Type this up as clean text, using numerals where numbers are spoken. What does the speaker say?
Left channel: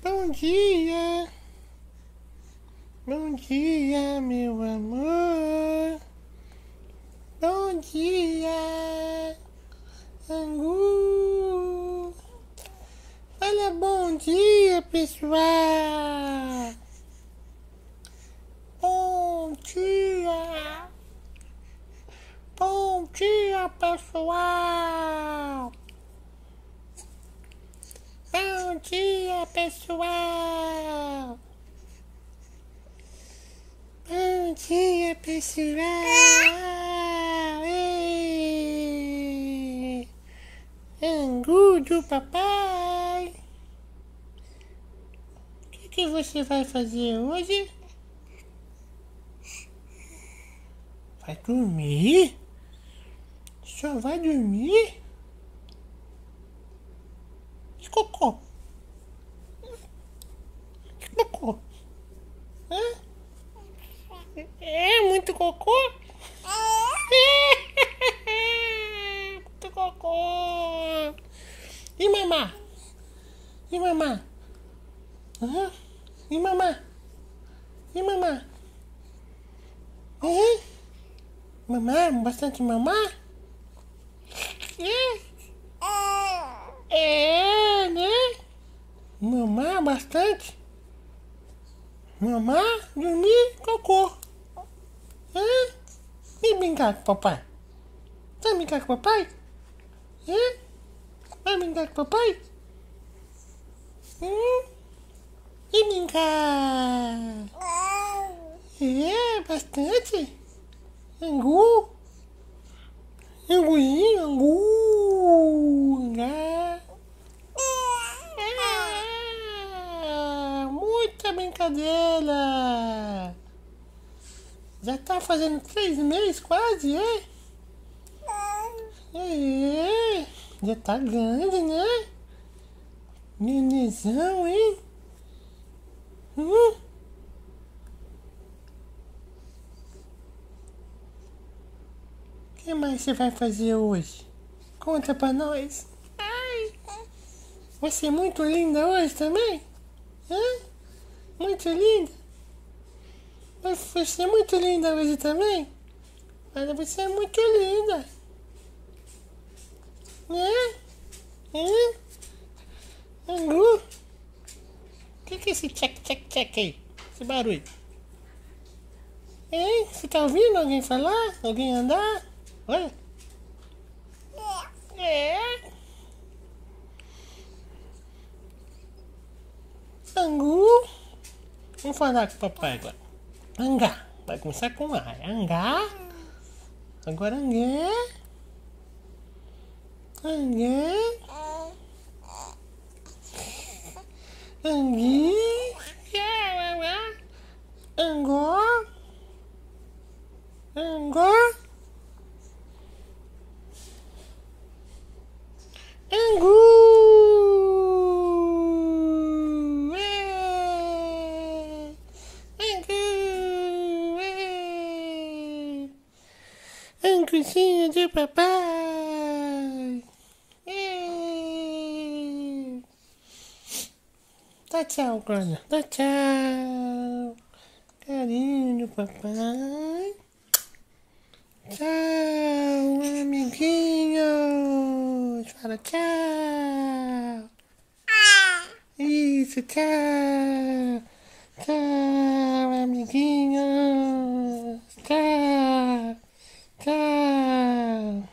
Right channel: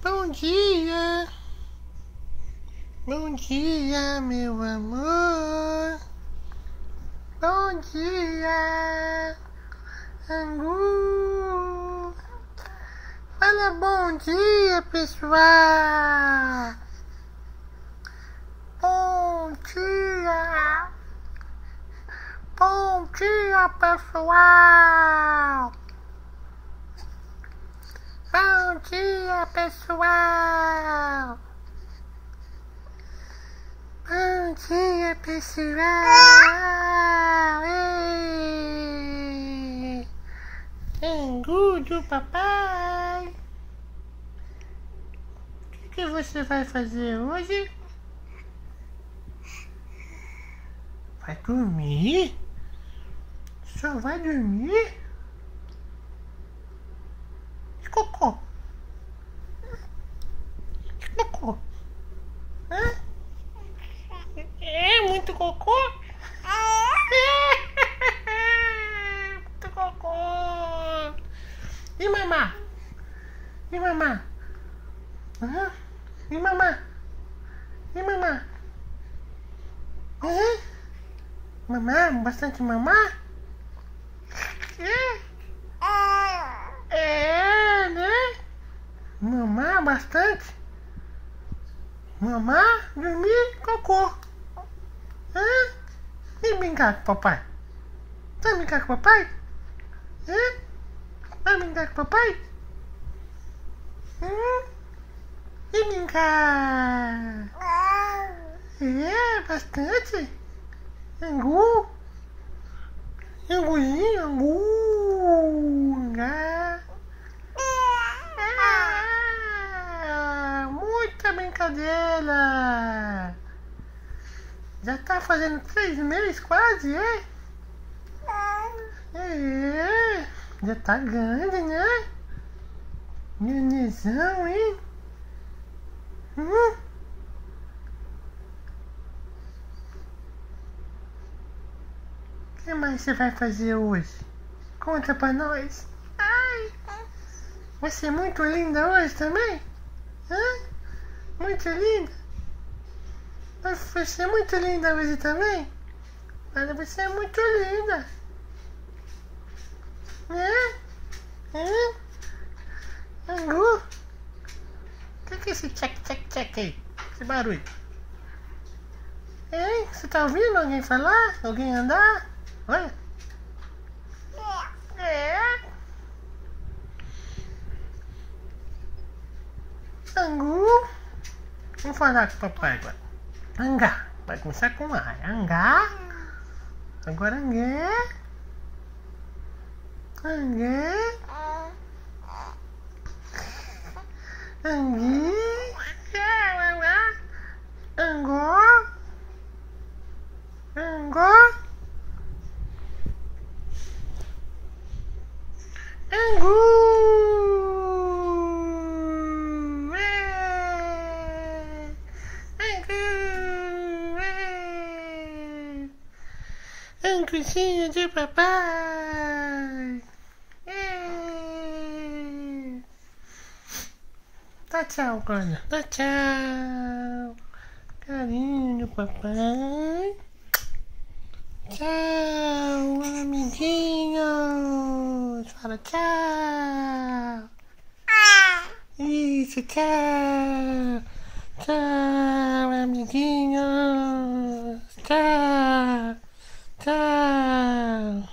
Bom dia. Bom dia, meu amor. Bom dia, Angu. Fala bom dia, pessoal. Bom dia. Bom dia, pessoal. Bom dia, pessoal. Bom dia, pessoal. Ei. Angu do papai. O que você vai fazer hoje? Vai dormir? Só vai dormir? Que cocô? Que cocô? Hã? É muito cocô? Muito cocô. E mamá? E mamá? Hã? E mamá? E mamá? Hã? Mamá? Bastante mamá? É, né? Mamar bastante. Mamar, dormir, cocô. Hã? E brincar com o papai? Vai brincar com o papai? Hã? Vai brincar com o papai? E brincar? É, bastante. Angu. Anguzinho, angu. Angá. Muita brincadeira. Já tá fazendo 3 meses quase, é? É. Já tá grande, né? Nenezão, hein? O que mais você vai fazer hoje? Conta pra nós. Ai, vai ser muito linda hoje também? Hã? Muito linda? Vai ser muito linda hoje também? Olha, você é muito linda. Né? Hã? Angu? O que é esse tchac aí? Esse barulho? Hein? Você tá ouvindo alguém falar? Alguém andar? Olha. É. Angu. Vamos falar com o papai agora. Angá. Vai começar com A. Angá. Agora Angé. Angé. Angui. Angó. Angó. Angu. Anguzinho de papai. Dá tchau, Cláudia. Dá tchau. Carinho do papai. Tchau, amiguinhos. Fala tchau. Isso, tchau. Tchau, amiguinhos. Tchau. Tchau.